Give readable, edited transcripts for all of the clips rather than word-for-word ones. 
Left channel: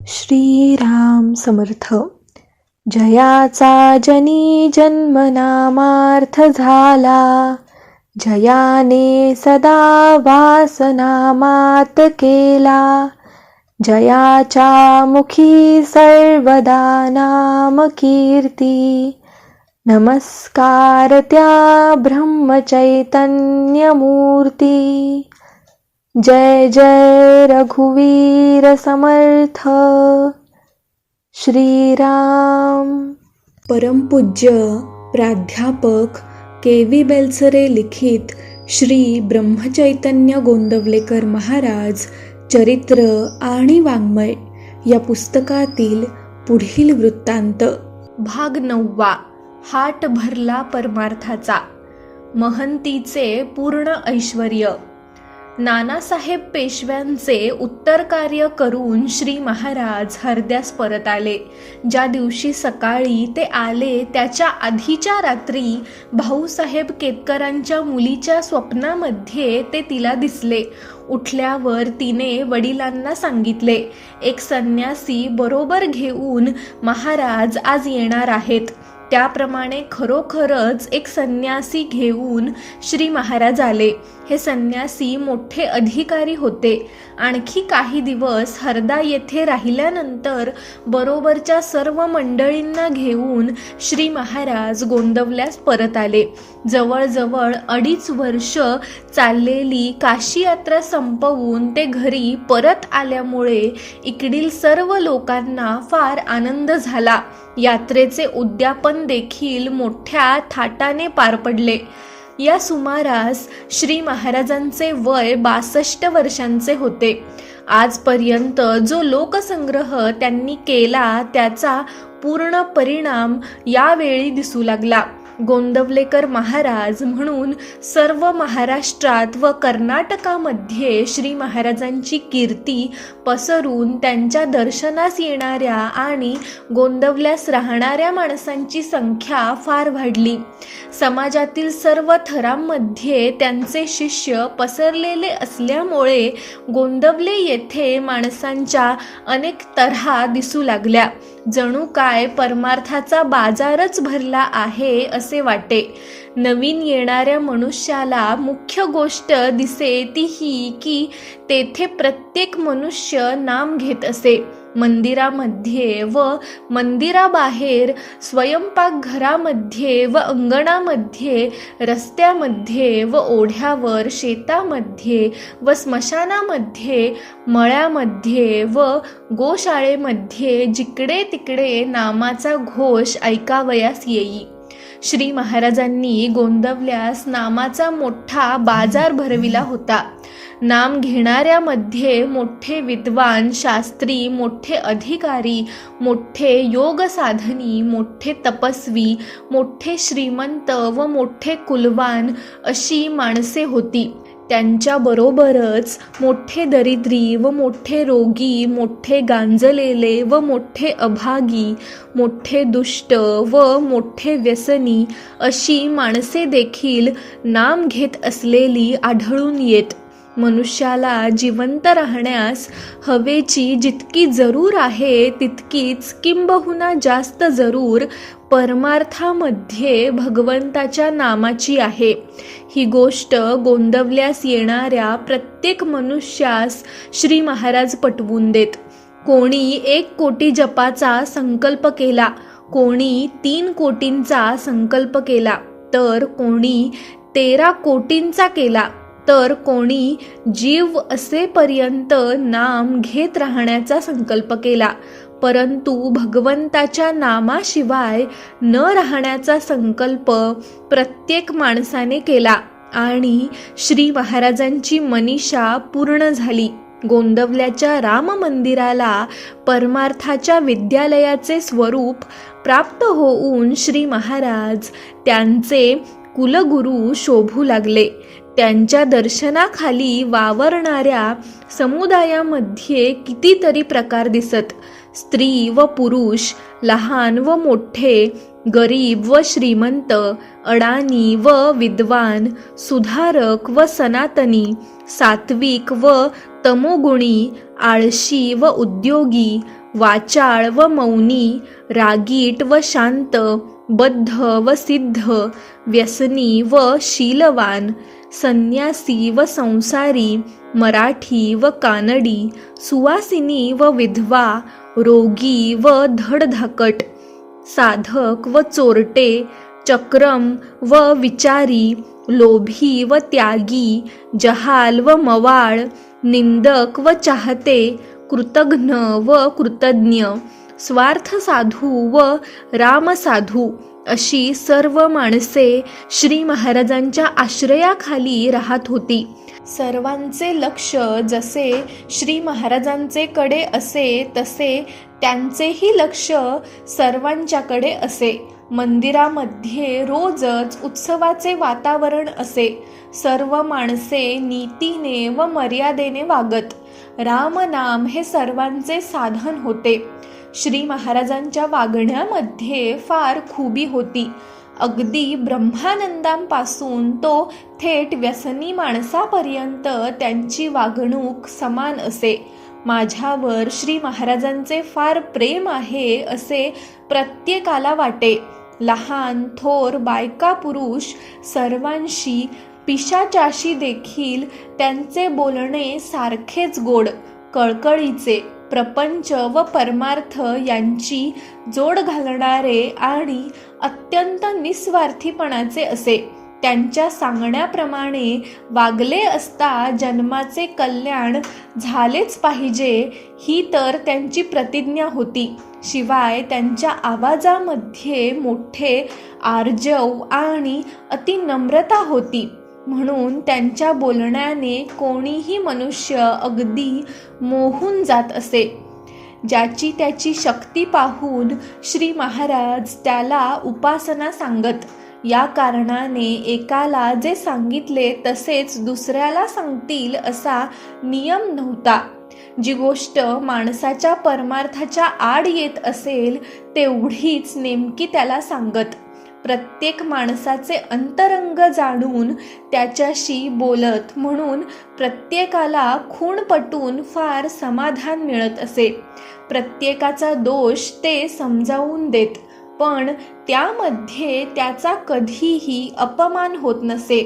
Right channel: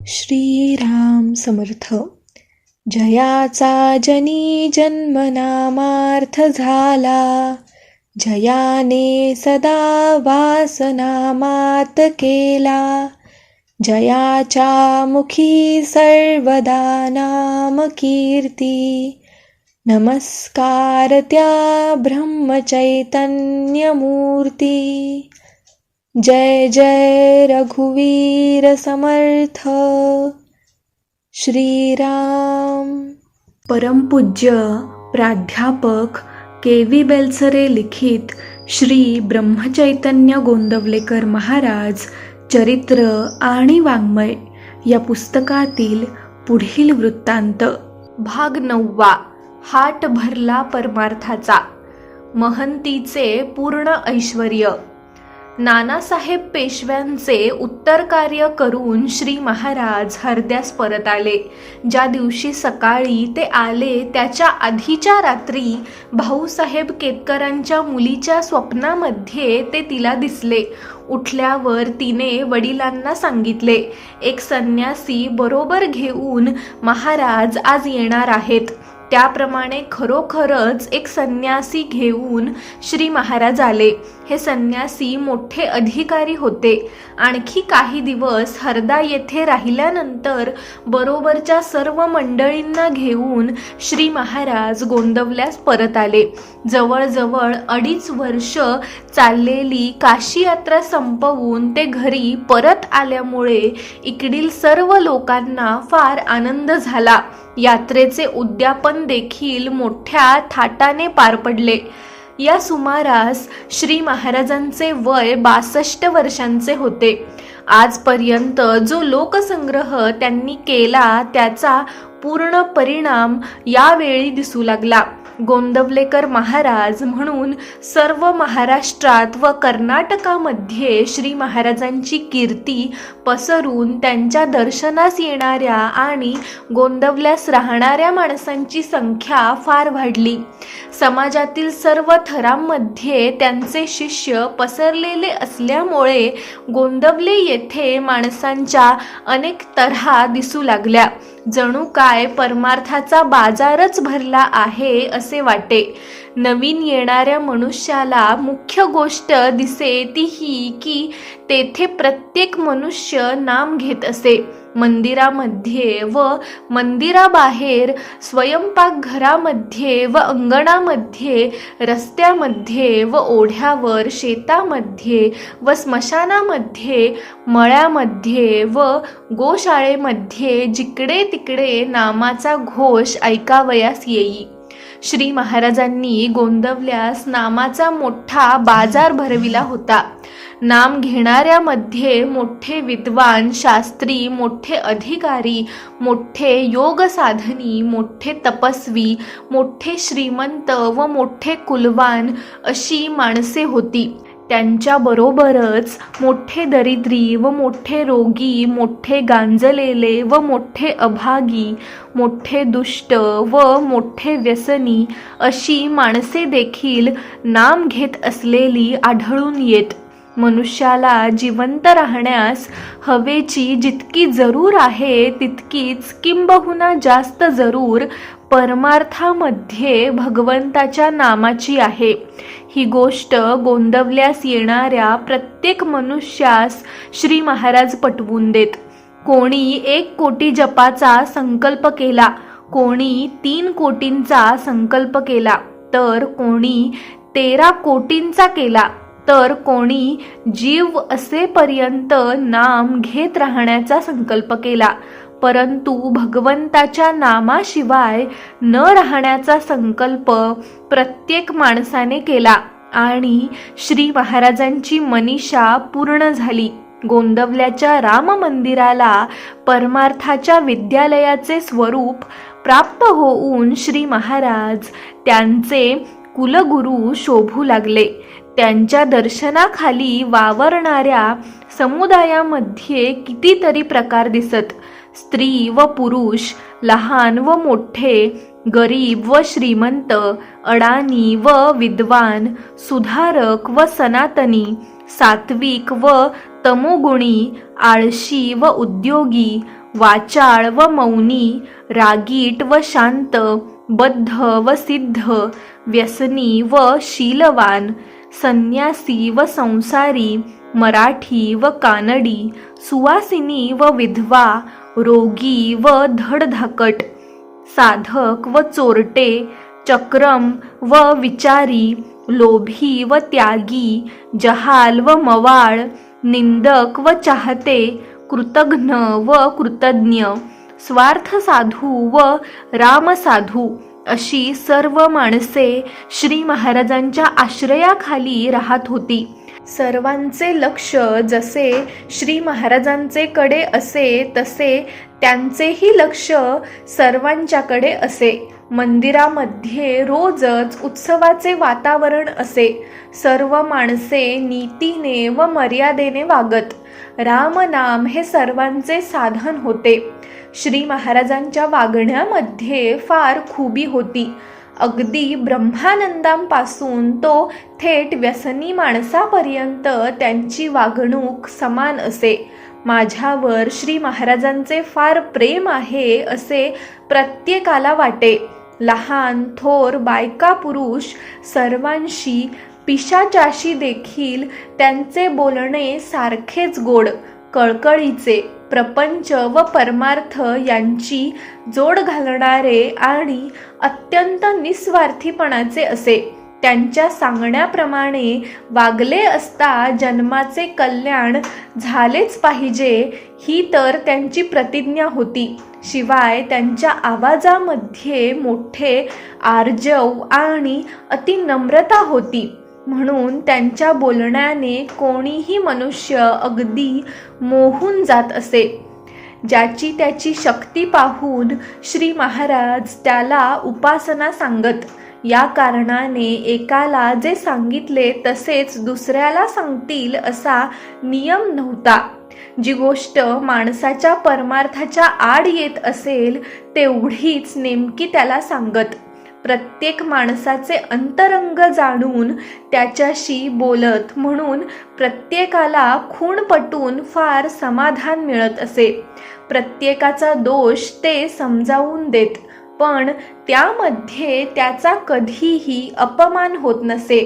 श्रीराम समर्थ. जयाचा जनी जन्मनामार्थ झाला, जयाने सदा वासनामात केला. जयाच्या मुखी सर्वदा नाम कीर्ती, नमस्कार त्या ब्रह्मचैतन्यमूर्ती. जय जय रघुवीर समर्थ. श्रीराम. परमपूज्य प्राध्यापक के.व्ही. बेलसरे लिखित श्री ब्रह्मचैतन्य गोंदवलेकर महाराज चरित्र आणि वाङ्मय या पुस्तकातील पुढील वृत्तांत. भाग 9. हाट भरला परमार्थाचा. महंतीचे पूर्ण ऐश्वर्य. नानासाहेब पेशव्यांचे उत्तर कार्य करून श्री महाराज हरद्यास परत आले. ज्या दिवशी सकाळी ते आले त्याच्या आधीच्या रात्री भाऊसाहेब केतकरांच्या मुलीच्या स्वप्नामध्ये ते तिला दिसले. उठल्यावर तिने वडिलांना सांगितले, एक संन्यासी बरोबर घेऊन महाराज आज येणार आहेत. त्याप्रमाणे खरोखरच एक संन्यासी घेऊन श्री महाराज आले. हे संन्यासी मोठे अधिकारी होते. आणखी काही दिवस हरदा येथे राहिल्यानंतर बरोबरच्या सर्व मंडळींना घेऊन श्री महाराज गोंदवल्यास परत आले. जवळजवळ 2.5 वर्ष चाललेली काशी यात्रा संपवून ते घरी परत आल्यामुळे इकडील सर्व लोकांना फार आनंद झाला. यात्रेचे उद्यापन देखील मोठ्या थाटाने पार पडले. या सुमारास श्री महाराजांचे वय 62 वर्षांचे होते. आजपर्यंत जो लोकसंग्रह त्यांनी केला त्याचा पूर्ण परिणाम यावेळी दिसू लागला. गोंदवलेकर महाराज म्हणून सर्व महाराष्ट्रात व कर्नाटकामध्ये श्री महाराजांची कीर्ती पसरून त्यांच्या दर्शनास येणाऱ्या आणि गोंदवल्यास राहणाऱ्या माणसांची संख्या फार वाढली. समाजातील सर्व थरांमध्ये त्यांचे शिष्य पसरलेले असल्यामुळे गोंदवले येथे माणसांच्या अनेक तऱ्हा दिसू लागल्या. जणू काय परमार्थाचा बाजारच भरला आहे असे वाटे. नवीन येणाऱ्या मनुष्याला मुख्य गोष्ट दिसे ती ही की तेथे प्रत्येक मनुष्य नाम घेत असे. मंदिरामध्ये व मंदिराबाहेर, स्वयंपाकघरामध्ये व अंगणामध्ये, रस्त्यामध्ये व ओढ्यावर, शेतामध्ये व स्मशानामध्ये, मळ्यामध्ये व गोशाळेमध्ये जिकडे तिकडे नामाचा घोष ऐकावयास येई. श्री महाराजांनी गोंदवल्यास नामाचा मोठा बाजार भरविला होता. नाम घेणाऱ्यामध्ये मोठे विद्वान, शास्त्री, मोठे अधिकारी, मोठे योग साधनी, मोठे तपस्वी, मोठे श्रीमंत व मोठे कुलवान अशी माणसे होती. त्यांच्याबरोबरच मोठे दरिद्री व मोठे रोगी, मोठे गांजलेले व मोठे अभागी, मोठे दुष्ट व मोठे व्यसनी अशी माणसे देखील नाम घेत असलेली आढळून येत. मनुष्याला जिवंत राहण्यास हवेची जितकी जरूर आहे तितकीच किंबहुना जास्त जरूर परमार्थामध्ये भगवंताच्या नामाची आहे. ही गोष्ट गोंदवल्यास येणाऱ्या प्रत्येक मनुष्यास श्री महाराज पटवून देत. कोणी 1 कोटी जपाचा संकल्प केला, कोणी 3 कोटींचा संकल्प केला, तर कोणी 13 कोटींचा केला, तर कोणी जीव असेपर्यंत नाम घेत राहण्याचा संकल्प केला. परंतु भगवंताच्या नामाशिवाय न राहण्याचा संकल्प प्रत्येक माणसाने केला आणि श्री महाराजांची मनीषा पूर्ण झाली. गोंदवल्याच्या राम मंदिराला परमार्थाच्या विद्यालयाचे स्वरूप प्राप्त होऊन श्री महाराज त्यांचे कुलगुरू शोभू लागले. त्यांच्या दर्शनाखाली वावरणाऱ्या समुदायामध्ये कितीतरी प्रकार दिसत. स्त्री व पुरुष, लहान व मोठे, गरीब व श्रीमंत, अडाणी व विद्वान, सुधारक व सनातनी, सात्विक व तमोगुणी, आळशी व उद्योगी, वाचाळ व मौनी, रागीट व शांत, बद्ध व सिद्ध, व्यसनी व शीलवान, संन्यासी व संसारी, मराठी व कानडी, सुवासिनी व विधवा, रोगी व धडधाकट, साधक व चोरटे, चक्रम व विचारी, लोभी व त्यागी, जहाल व मवाळ, निंदक व चाहते, कृतघ्न व कृतज्ञ, स्वार्थ साधू व रामसाधू अशी सर्व माणसे श्री महाराजांच्या आश्रयाखाली राहत होती. सर्वांचे लक्ष जसे श्री महाराजांचे कडे असे तसे त्यांचेही लक्ष सर्वांच्याकडे असे. मंदिरामध्ये रोजच उत्सवाचे वातावरण असे. सर्व माणसे नीतीने व मर्यादेने वागत. रामनाम हे सर्वांचे साधन होते. श्री महाराजांच्या वागण्यामध्ये फार खुबी होती. अगदी ब्रह्मानंदांपासून तो थेट व्यसनी माणसापर्यंत त्यांची वागणूक समान असे. माझ्यावर श्री महाराजांचे फार प्रेम आहे असे प्रत्येकाला वाटे. लहान थोर बायका पुरुष सर्वांशी पिशाचाशी देखील त्यांचे बोलणे सारखेच गोड, कळकळीचे, प्रपंच व परमार्थ यांची जोड घालणारे आणि अत्यंत निस्वार्थीपणाचे असे. त्यांच्या सांगण्याप्रमाणे वागले असता जन्माचे कल्याण झालेच पाहिजे ही तर त्यांची प्रतिज्ञा होती. शिवाय त्यांच्या आवाजामध्ये मोठे आर्जव आणि अतिनम्रता होती. म्हणून त्यांच्या बोलण्याने कोणीही मनुष्य अगदी मोहून जात असे. ज्याची त्याची शक्ती पाहून श्री महाराज त्याला उपासना सांगत. या कारणाने एकाला जे सांगितले तसेच दुसऱ्याला सांगतील असा नियम नव्हता. जी गोष्ट माणसाच्या परमार्थाच्या आड येत असेल तेवढीच नेमकी त्याला सांगत. प्रत्येक माणसाचे अंतरंग जाणून त्याच्याशी बोलत. म्हणून प्रत्येकाला खूण पटून फार समाधान मिळत असे. प्रत्येकाचा दोष ते समजावून देत, पण त्यामध्ये त्याचा कधीही अपमान होत नसे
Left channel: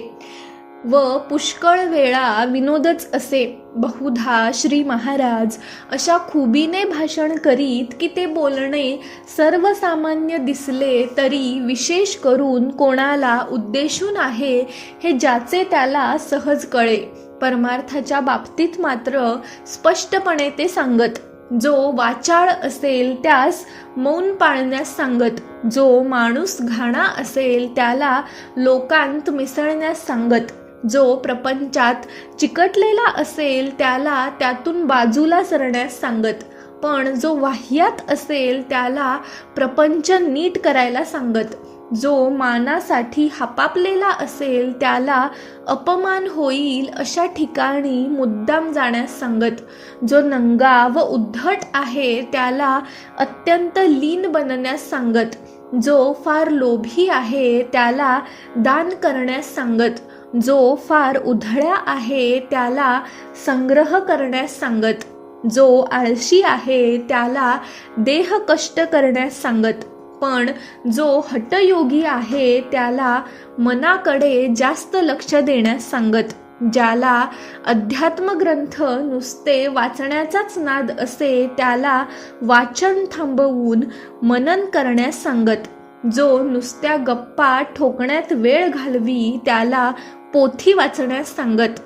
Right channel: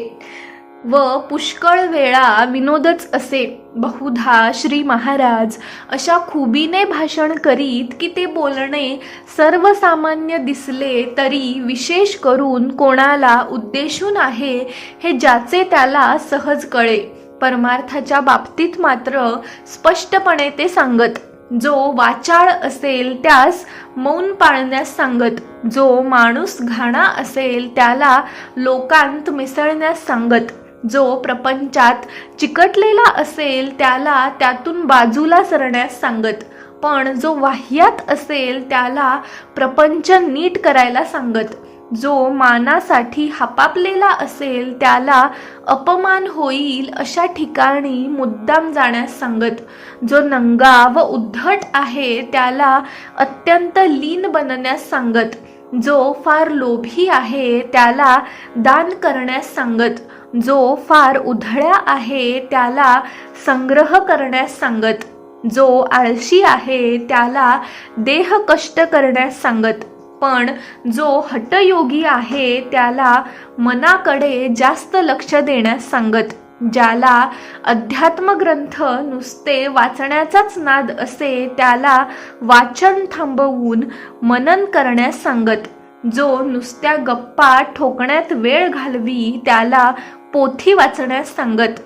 व पुष्कळ वेळा विनोदच असे. बहुधा श्री महाराज अशा खुबीने भाषण करीत की ते बोलणे सर्वसामान्य दिसले तरी विशेष करून कोणाला उद्देशून आहे हे ज्याचे त्याला सहज कळे. परमार्थाच्या बाबतीत मात्र स्पष्टपणे ते सांगत. जो वाचाळ असेल त्यास मौन पाळण्यास सांगत. जो माणूस घाणा असेल त्याला लोकांत मिसळण्यास सांगत. जो प्रपंचात चिकटलेला असेल त्याला त्यातून बाजूला सरण्यास सांगत. पण जो वाह्यात असेल त्याला प्रपंच नीट करायला सांगत. जो मानासाठी हापापलेला असेल त्याला अपमान होईल अशा ठिकाणी मुद्दाम जाण्यास सांगत. जो नंगा व उद्धट आहे त्याला अत्यंत लीन बनण्यास सांगत. जो फार लोभी आहे त्याला दान करण्यास सांगत. जो फार उधळ्या आहे त्याला संग्रह करण्यास सांगत. जो आळशी आहे त्याला देह कष्ट करण्यास सांगत. पण जो हठयोगी आहे त्याला मनाकडे जास्त लक्ष देण्यास सांगत. ज्याला अध्यात्म ग्रंथ नुसते वाचण्याचाच नाद असे त्याला वाचन थांबवून मनन करण्यास सांगत. जो नुसत्या गप्पा ठोकण्यात वेळ घालवी त्याला पोथी वाचण्यास सांगत.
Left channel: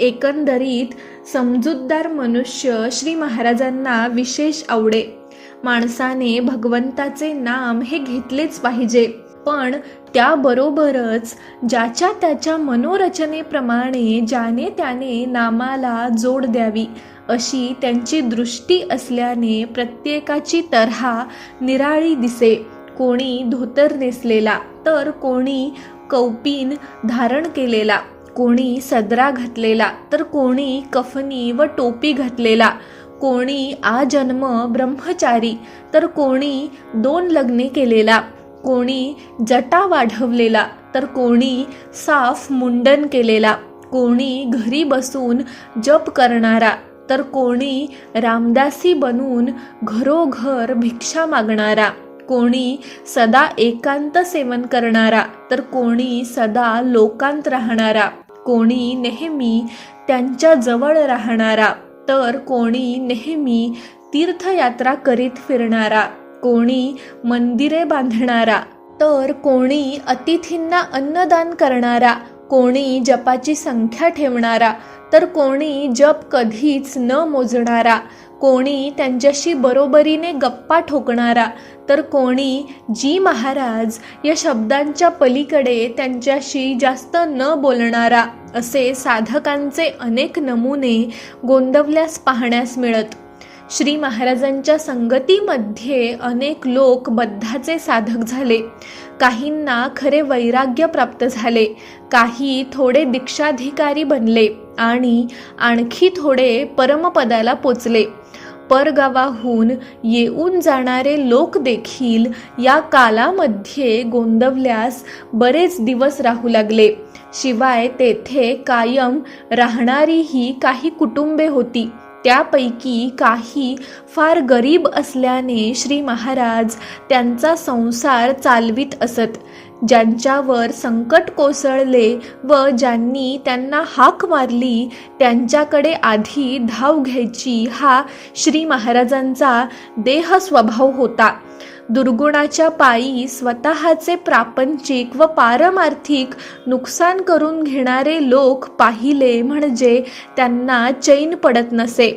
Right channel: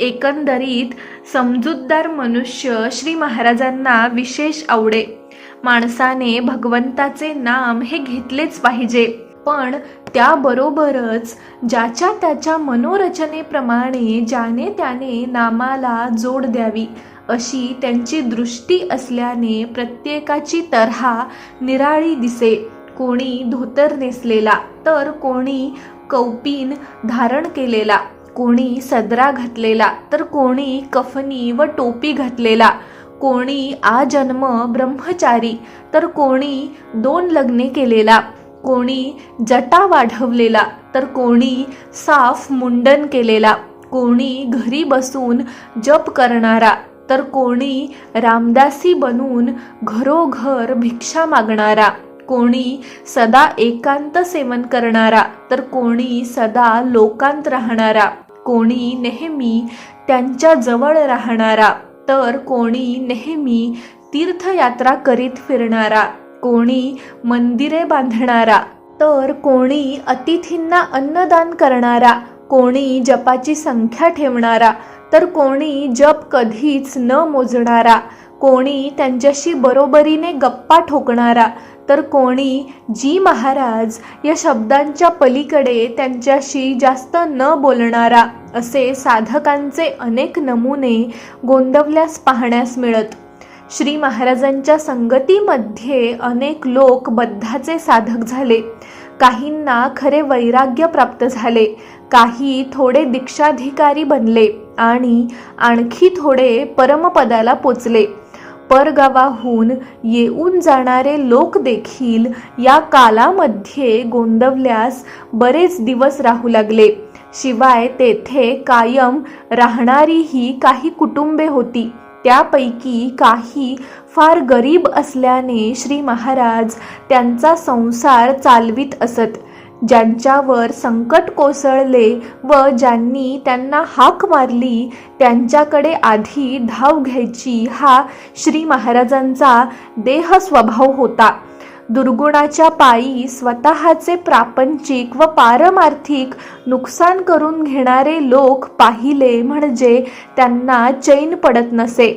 एकंदरीत समजूतदार मनुष्य श्री महाराजांना विशेष आवडे. माणसाने भगवंताचे नाम हे घेतलेच पाहिजे, पण त्याबरोबरच ज्याच्या त्याच्या मनोरचनेप्रमाणे ज्याने त्याने नामाला जोड द्यावी अशी त्यांची दृष्टी असल्याने प्रत्येकाची तऱ्हा निराळी दिसे. कोणी धोतर नेसलेला तर कोणी कौपीन धारण केलेला, कोणी सदरा घातलेला तर कोणी कफनी व टोपी घातलेला, कोणी आजन्म ब्रह्मचारी तर कोणी 2 लग्ने केलेला, कोणी जटा वाढवलेला तर कोणी साफ मुंडन केलेला, कोणी घरी बसून जप करणारा तर कोणी रामदासी बनून घरोघर भिक्षा मागणारा, कोणी सदा एकांत सेवन करणारा, तर कोणी सदा लोकांत राहणारा, कोणी नेहमी त्यांच्या जवळ राहणारा, तर कोणी नेहमी तीर्थयात्रा करीत फिरणारा, कोणी मंदिरे बांधणारा, तर कोणी अतिथींना अन्नदान करणारा, कोणी जपाची संख्या ठेवणारा, तर कोणी जप कधीच न मोजणारा, कोणी त्यांच्याशी बरोबरीने गप्पा ठोकणारा, तर कोणी जी महाराज या शब्दांच्या पलीकडे त्यांच्याशी जास्त न बोलणारा, असे साधकांचे अनेक नमुने गोंदवल्यास पाहण्यास मिळत. श्री महाराजांच्या संगतीमध्ये अनेक लोक बद्धाचे साधक झाले. काहींना खरे वैराग्य प्राप्त झाले, काही थोडे दीक्षाधिकारी बनले आणि आणखी थोडे परमपदाला पोचले. परगावाहून येऊन जाणारे लोक देखील या कालामध्ये गोंदवल्यास बरेच दिवस राहू लागले. शिवाय तेथे कायम राहणारीही काही कुटुंबे होती. त्यापैकी काही फार गरीब असल्याने श्री महाराज त्यांचा संसार चालवित असत. ज्यांच्यावर संकट कोसळले व ज्यांनी त्यांना हाक मारली त्यांच्याकडे आधी धाव घ्यायची हा श्री महाराजांचा देह स्वभाव होता. दुर्गुणाच्या पायी स्वतःचे प्रापंचिक व पारमार्थिक नुकसान करून घेणारे लोक पाहिले म्हणजे त्यांना चैन पडत नसे.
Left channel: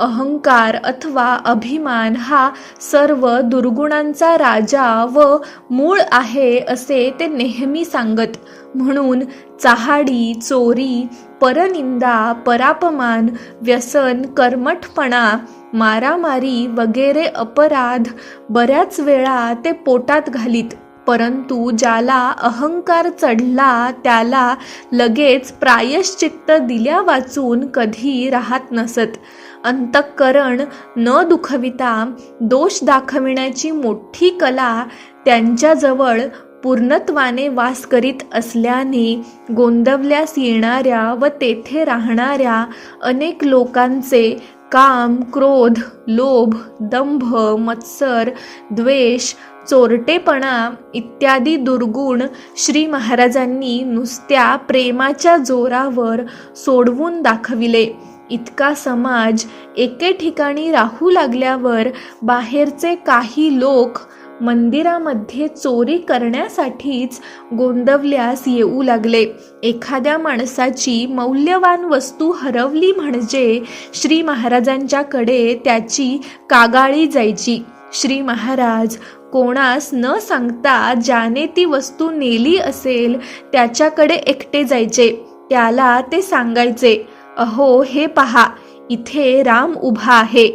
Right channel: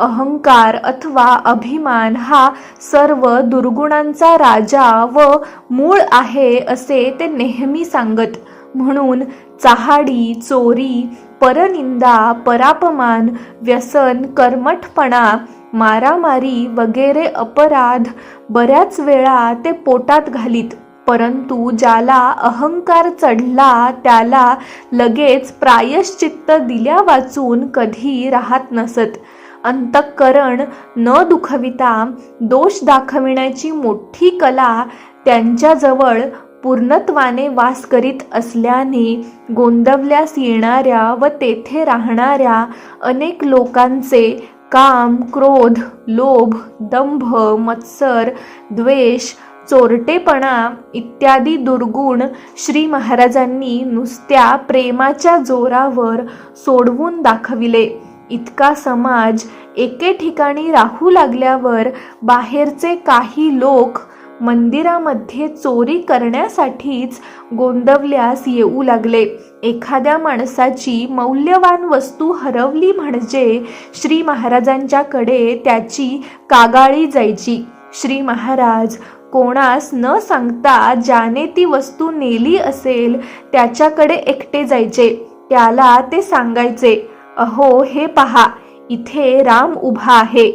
अहंकार अथवा अभिमान हा सर्व दुर्गुणांचा राजा व मूळ आहे असे ते नेहमी सांगत. म्हणून चहाडी, चोरी, परनिंदा, परापमान, व्यसन, कर्मठपणा, मारामारी वगैरे अपराध बऱ्याच वेळा ते पोटात घालीत. परंतु ज्याला अहंकार चढला त्याला लगेच प्रायश्चित्त दिल्या वाचून कधी राहत नसत. अंतःकरण न दुखविता दोष दाखविण्याची मोठी कला त्यांच्याजवळ पूर्णत्वाने वास करीत असल्याने गोंदवल्यास येणाऱ्या व तेथे राहणाऱ्या अनेक लोकांचे काम, क्रोध, लोभ, दंभ, मत्सर, द्वेष, चोरटेपणा इत्यादी दुर्गुण श्री महाराजांनी नुसत्या प्रेमाच्या जोरावर सोडवून दाखविले. इतका समाज एके ठिकाणी राहू लागल्यावर बाहेरचे काही लोक मंदिरामध्ये चोरी करण्यासाठीच गोंदवल्यास येऊ लागले. एखाद्या माणसाची मौल्यवान वस्तू हरवली म्हणजे श्री महाराजांच्याकडे त्याची कागाळी जायची. श्री महाराज कोणास न सांगता ज्याने ती वस्तू नेली असेल त्याच्याकडे एकटे जायचे. त्याला ते सांगायचे, अहो हे पहा, इथे राम उभा आहे,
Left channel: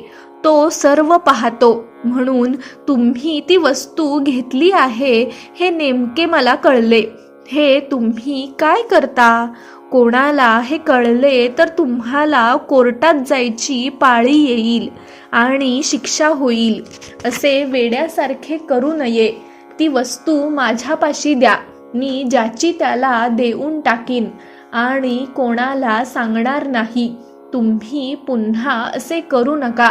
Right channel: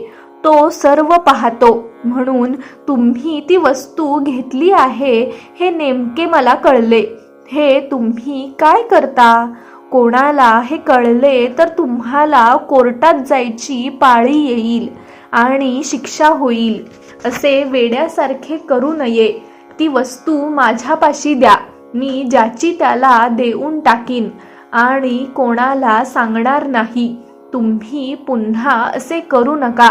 तो सर्व पाहतो, म्हणून तुम्ही ती वस्तू घेतली आहे हे नेमके मला कळले. हे तुम्ही काय करता? कोणाला हे कळले तर तुम्हाला कोर्टात जायची पाळी येईल आणि शिक्षा होईल. असे वेड्यासारखे करू नये. ती वस्तू माझ्यापाशी द्या, मी ज्याची त्याला देऊन टाकीन आणि कोणाला सांगणार नाही. तुम्ही पुन्हा असे करू नका.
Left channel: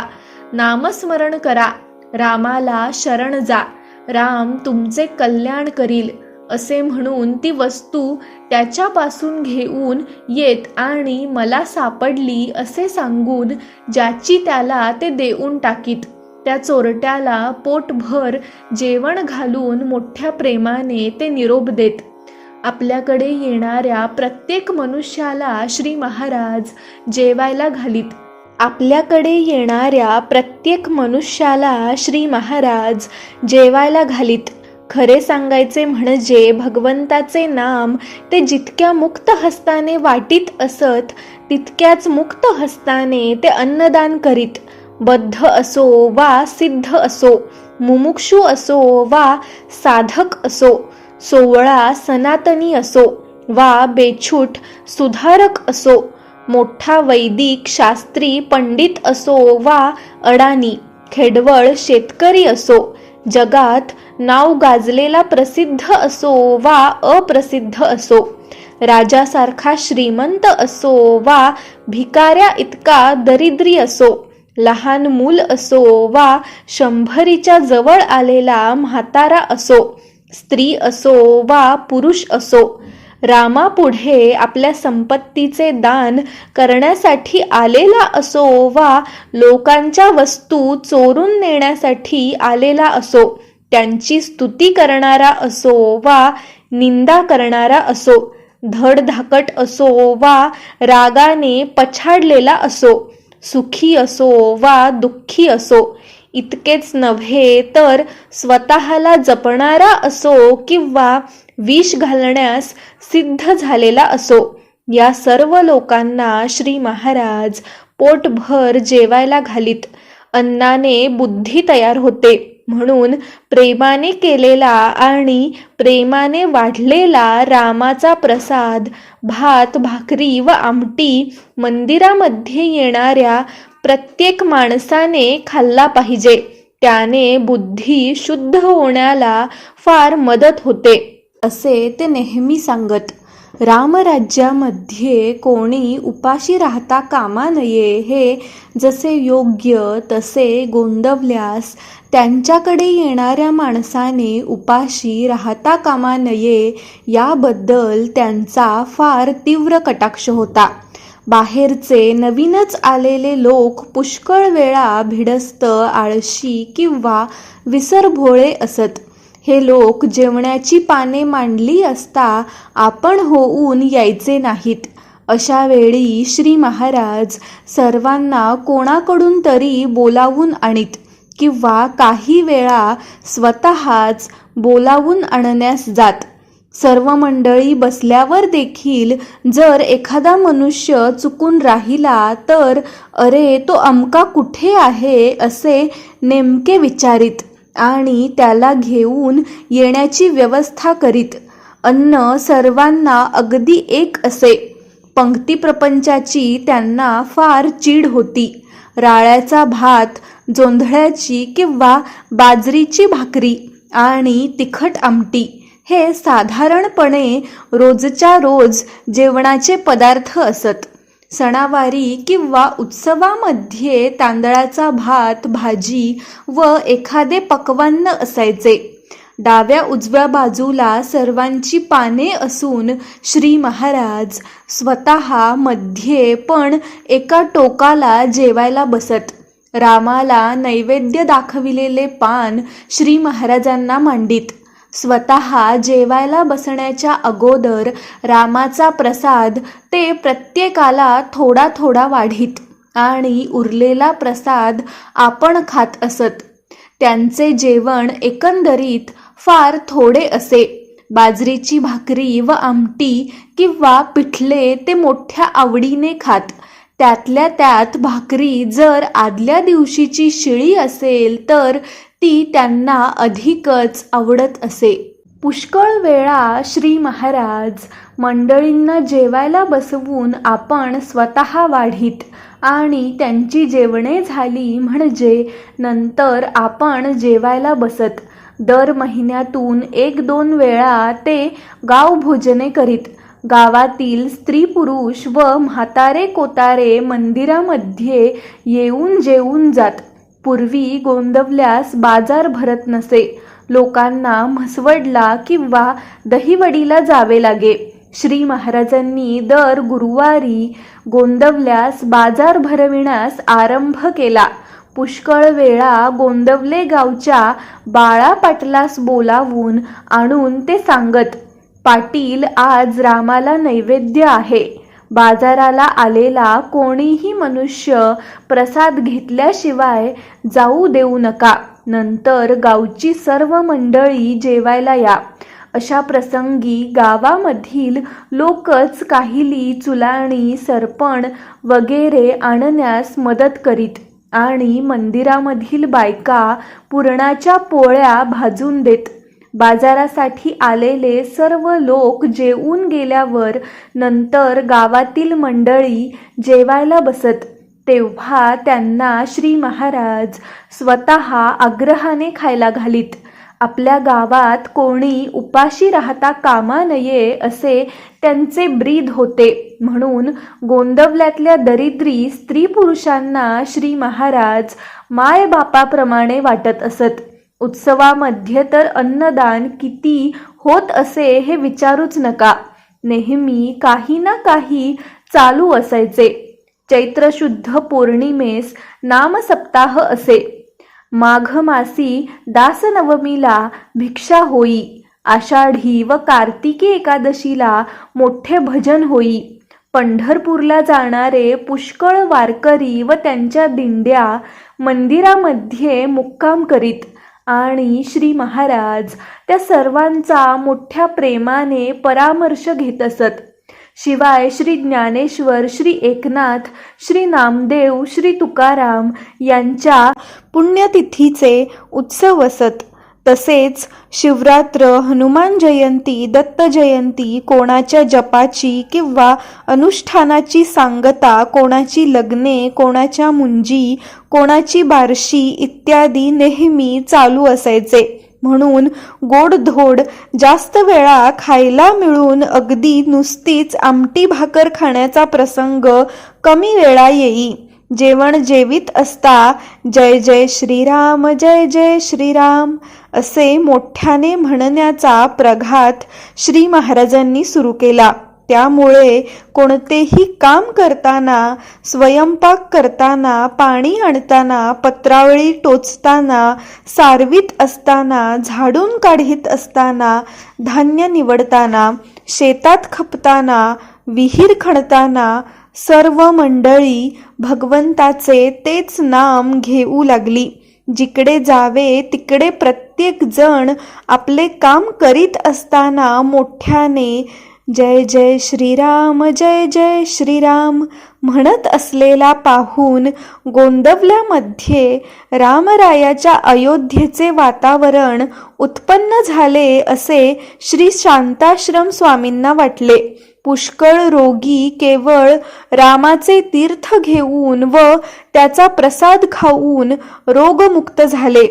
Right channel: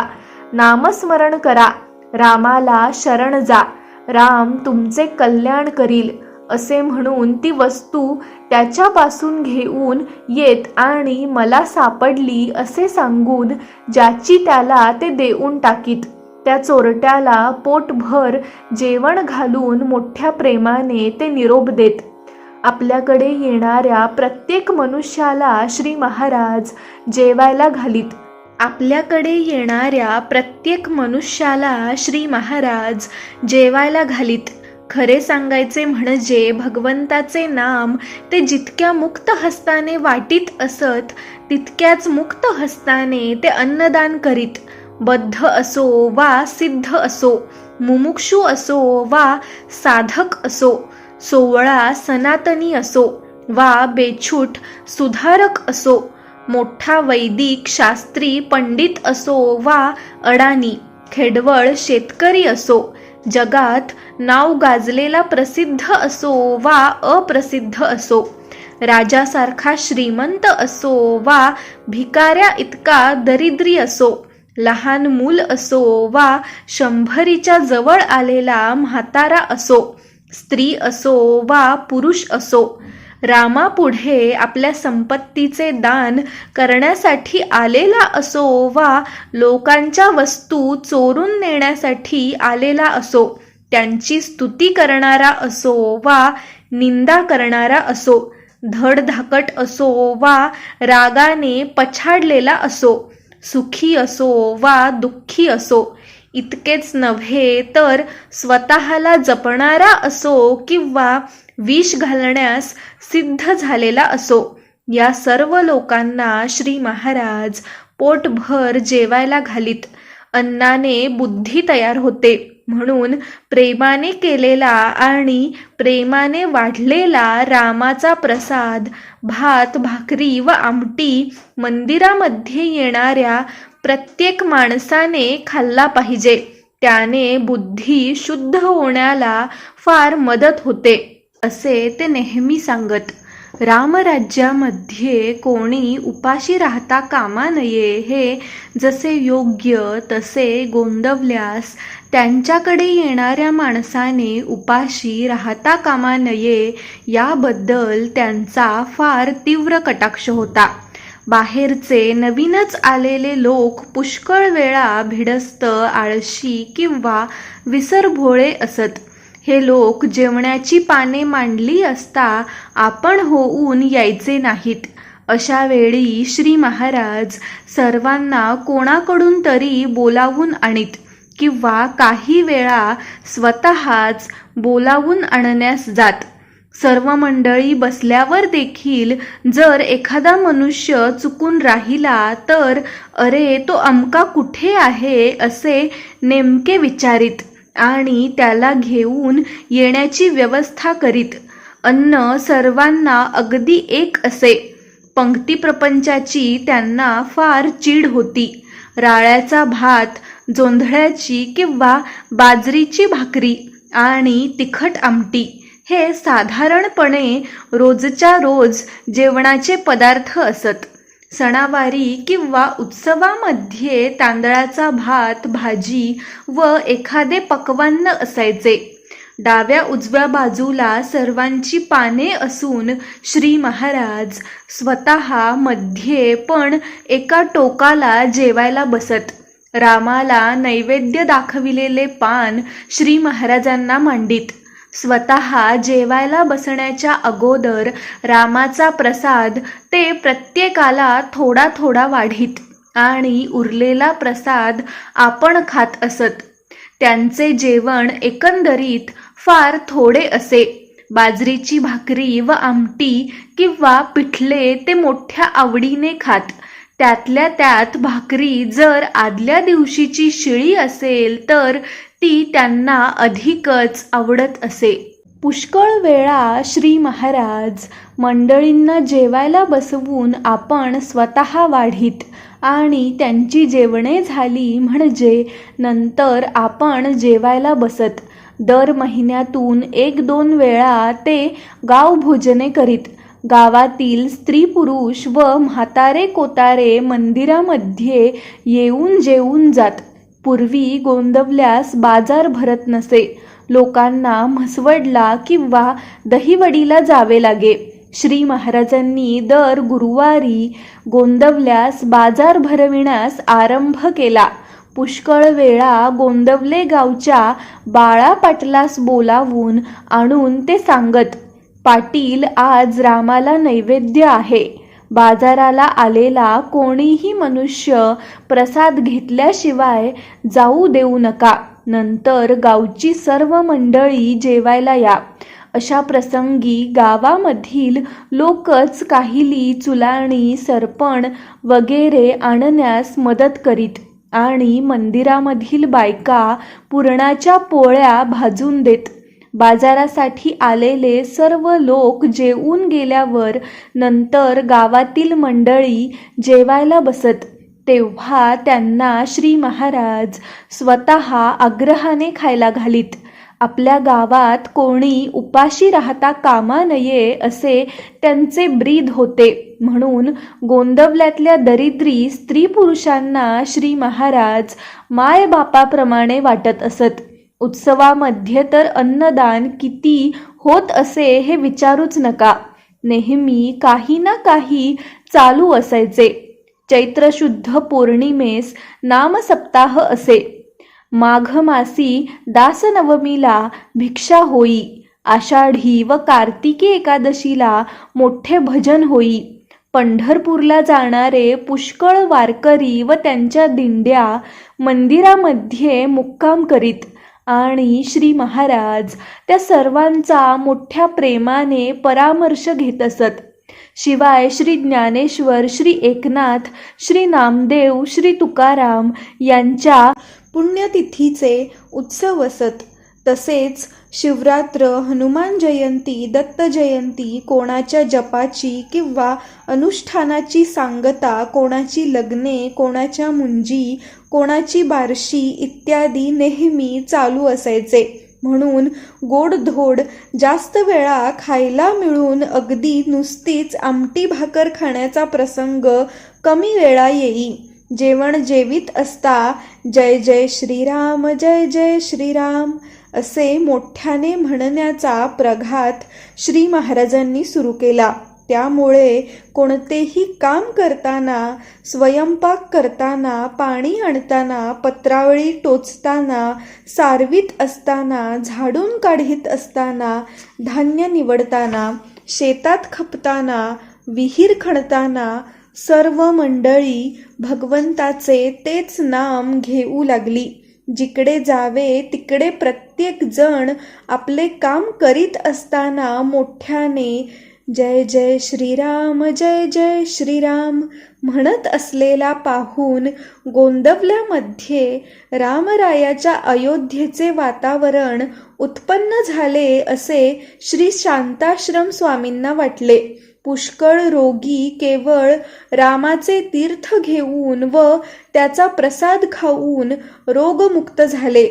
नामस्मरण करा, रामाला शरण जा, राम तुमचे कल्याण करील असे म्हणून ती वस्तू त्याच्यापासून घेऊन येत आणि मला सापडली असे सांगून ज्याची त्याला ते देऊन टाकीत. त्या चोरट्याला पोटभर जेवण घालून मोठ्या प्रेमाने ते निरोप देत. आपल्याकडे येणाऱ्या प्रत्येक मनुष्याला श्री महाराज जेवायला घालीत. आपल्याकडे येणाऱ्या प्रत्येक मनुष्याला श्री महाराज जेवायला घालीत. खरे सांगायचे म्हणजे भगवंताचे नाम ते जितक्या मुक्त हस्ताने वाटीत असत तितक्याच मुक्त हस्ताने ते अन्नदान करीत. बद्ध असो वा सिद्ध असो, मुमुक्षू असो वा साधक असो, सोवळा सनातनी असो वा बेछूट सुधारक असो, मोठा वैदिक शास्त्री पंडित असो वा अडाणी खेडवळ शेतकरी असो, जगात नाव गाजलेला प्रसिद्ध असो वा अप्रसिद्ध असो, राजासारखा श्रीमंत असो वा भिकाऱ्या इतका दरिद्री असो, लहान मूल असो वा 100च्या जवळ आलेला म्हातारा असो, स्त्री असो वा पुरुष असो, रामापुढे आपल्या संपत्तीचे दान करण्यासाठी आलेला असो वा लोकांच्या वस्तू चोरून नेण्यासाठी आलेला असो, त्यांची स्तुती करणारा असो वा निंदा करणारा असो, धडधाकट असो वा रागाने पछाडलेला असो, सुखी असो वा दुःखी असो, इतकेच नव्हे तर स्वतःला जपणारा असो किंवा विष घालण्यास सिद्ध झालेला असो, या सर्व लोकांना श्री महाराज पोटभर जेवायला घालीत. अन्नाने बुद्धी तयार होते, म्हणून प्रेमाने केलेला आणि प्रेमाने वाढलेला रामाचा प्रसाद, भात भाकरी व आमटी मंदिरामध्ये येणाऱ्या प्रत्येक माणसाने खाल्ला पाहिजे. त्याने बुद्धी शुद्ध होण्याला फार मदत होते, असे ते नेहमी सांगत. रामराज्यामध्ये कोणी उपाशी राहता कामा नये हे जसे योग्य तसे गोंदवल्यास त्यांच्याकडे येणाऱ्या माणसाने उपाशी राहता कामा नये याबद्दल त्यांचा फार तीव्र कटाक्ष होता. बाहेरचे नवीनच आलेले लोक पुष्कळ वेळा भिडस्त, आळशी किंवा विसरभोळे असत. हे लोक जेवणाची पाने मांडली असता आपण होऊन यायचे नाहीत. अशा वेळी श्री महाराज सर्वांना कोणाकडून तरी बोलावून आणीत किंवा काही वेळा स्वतःच बोलावून आणण्यास जात. सर्व मंडळी बसल्यावर देखील जर एखादा मनुष्य चुकून राहिला तर अरे तो अमका कुठे आहे असे नेमके विचारित आणि त्याला घेऊन येण्याची व्यवस्था करीत. अन्न सर्वांना अगदी एक असे. पंक्ती प्रपंचाची त्यांना फार चीड होती. राळ्याचा भात, जोंधळ्याची किंवा बाजरीची भाकरी आणि तिखट आमटी हे साधारणपणे रोजच्या रोज जेवणाचे पदार्थ असत. सणावारी किंवा उत्सवामध्ये तांदळाचा भात, भाजी व एखादे पक्वान्न असायचे. डाव्या उजव्या बाजूला सर्वांची पाने असून श्री महाराज स्वतः मध्ये पण एका टोकाला जेवायला बसत. रामाला नैवेद्य दाखविलेले पान श्री महाराजांना मांडीत. स्वतः जेवायला बसण्याच्या अगोदर रामाचा प्रसाद ते प्रत्येकाला थोडा थोडा वाढीत आणि उरलेला प्रसाद आपण खात असत. त्यांचे जेवण एकंदरीत फार थोडे असे. बाजरीची भाकरी व आमटी किंवा पिठले ते मोठ्या आवडीने खात. त्यातल्या त्यात भाकरी जर आदल्या दिवशीची शिळी असेल तर ती त्यांना अधिकच आवडत असे. पुष्कळ वेळा श्री महाराज मंडळींना जेवायला बसवून आपण स्वतः वाढीत आणि त्यांची जेवणे झाली म्हणजे नंतर आपण जेवायला बसत. दर महिन्यातून 1-2 वेळा ते गावभोजने करीत. गावातील स्त्री पुरुष व म्हातारे कोतारे मंदिरामध्ये येऊन जेवून जात. पूर्वी गोंदवल्यास बाजार भरत नसे. लोकांना म्हसवडला किंवा दहिवडीला जावे लागे. श्री महाराजांनी दर गुरुवारी गोंदवल्यास बाजार भरविण्यास आरंभ केला. पुष्कळ वेळा गोंदवले गावच्या बाळा पाटलास बोलावून आणून ते सांगत, पाटील आज रामाला नैवेद्य आहे. बाजाराला आलेला कोणीही मनुष्य प्रसाद घेतल्याशिवाय जाऊ देऊ नका. नंतर गावची सर्व मंडळी जेवायला या. अशा प्रसंगी गावामधील लोकच काहिली चुलाणी, सरपण वगैरे आणण्यास मदत करीत आणि मंदिरामधील बायका पुरणाच्या पोळ्या भाजून देत. बाजारासाठी आलेले सर्व लोक जेवून गेल्यावर नंतर गावातील मंडळी जेवायला बसत. तेव्हा त्यांना श्री महाराज स्वतः आग्रहाने खायला घालीत आपल्या गावात कोणी उपाशी राहता कामा नये असे त्यांचे ब्रीद होते. म्हणून गोंदवल्यातल्या दरिद्री स्त्री पुरुषांना श्री महाराज मायबापाप्रमाणे वाटत असत. उत्सवामध्ये तर अन्नदान किती होत असे हे विचारूच नका. नेहमी काही ना काही चालू असायचे. चैत्र शुद्ध पौर्णिमेस नामसप्ताह असे. माघ मासी दासनवमीला भिक्षा होई. आषाढी व कार्तिकी एकादशीला मोठे भजन होई. पंढरपूरला जाणारे पुष्कळ वारकरी व त्यांच्या दिंड्या मंदिरामध्ये मुक्काम करीत आणि श्री महाराज त्या सर्वांचा मोठ्या प्रेमाने परामर्श घेत असत. शिवाय श्री ज्ञानेश्वर, श्री एकनाथ, श्री नामदेव, श्री तुकाराम यांच्या पुण्यतिथीचे उत्सव असत. तसेच शिवरात्र, हनुमान जयंती, दत्त जयंती, कोणाच्या जपाची किंवा अनुष्ठानाची सांगता, कोणाची लग्ने, कोणाच्या मुंजी, कोणाची बारशी इत्यादी नेहमी चालू असायचे. म्हणून गोडधोड जास्त वेळा खायला मिळून अगदी नुसतीच आमटी भाकर खाण्याचा प्रसंग कमी वेळा येई. जेवण जेवीत असता जय जय श्रीराम, जय जय श्रीराम असे मोठ्याने म्हणण्याचा प्रघात श्री महाराजांनी सुरू केला. त्यामुळे कोणतेही काम करताना, स्वयंपाक करताना, पाणी आणताना, पत्रावळी टोचताना, सारवीत असताना, झाडून काढीत असताना, धान्य निवडताना, शेतात खपताना, विहीर खणताना सर्व मंडळी भगवंताचे तेच नाम घेऊ लागली. जिकडे जावे तिकडे प्रत्येक जण आपले काम करीत असताना मोठ्याने जय जय श्रीराम, जय जय श्रीराम म्हणत असलेला पाहून गोंदवल्यामध्ये रामरायाच्या अयोध्येचे वातावरण उत्पन्न झाले असे श्री शांताश्रम स्वामींना वाटले. पुष्कळ रोगी केवळ रामाचे तीर्थ घेऊन व त्याचा प्रसाद खाऊन रोगमुक्त झाले.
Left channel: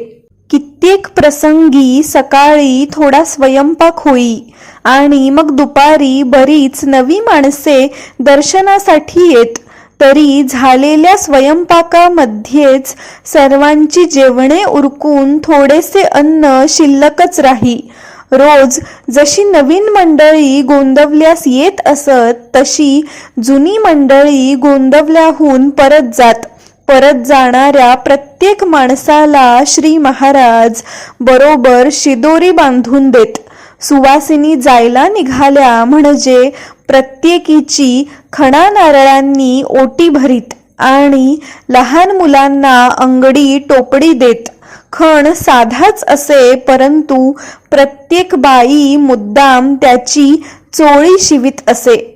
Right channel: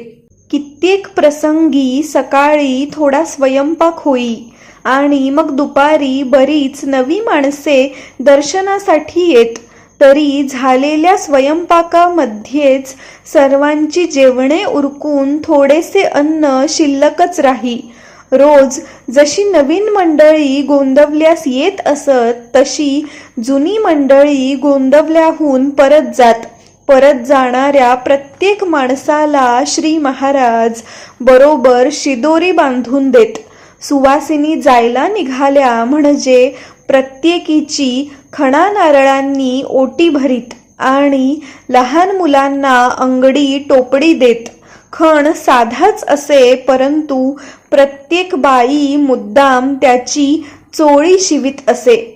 कित्येक प्रसंगी सकाळी थोडा स्वयंपाक होई आणि मग दुपारी बरीच नवी माणसे दर्शनासाठी येत. तरी झालेल्या स्वयंपाकामध्येच सर्वांची जेवणे उरकून थोडेसे अन्न शिल्लकच राही. रोज जशी नवीन मंडळी गोंदवल्यास येत असत तशी जुनी मंडळी गोंदवल्याहून परत जात. परत जाणाऱ्या प्रत्येक माणसाला श्री महाराज बरोबर शिदोरी बांधून देत. सुवासिनी जायला निघाल्या म्हणजे प्रत्येकीची खणा नारळांनी ओटी भरीत आणि लहान मुलांना अंगडी टोपडी देत. खण साधाच असे, परंतु प्रत्येक बाई मुद्दाम त्याची चोळी शिवीत असे.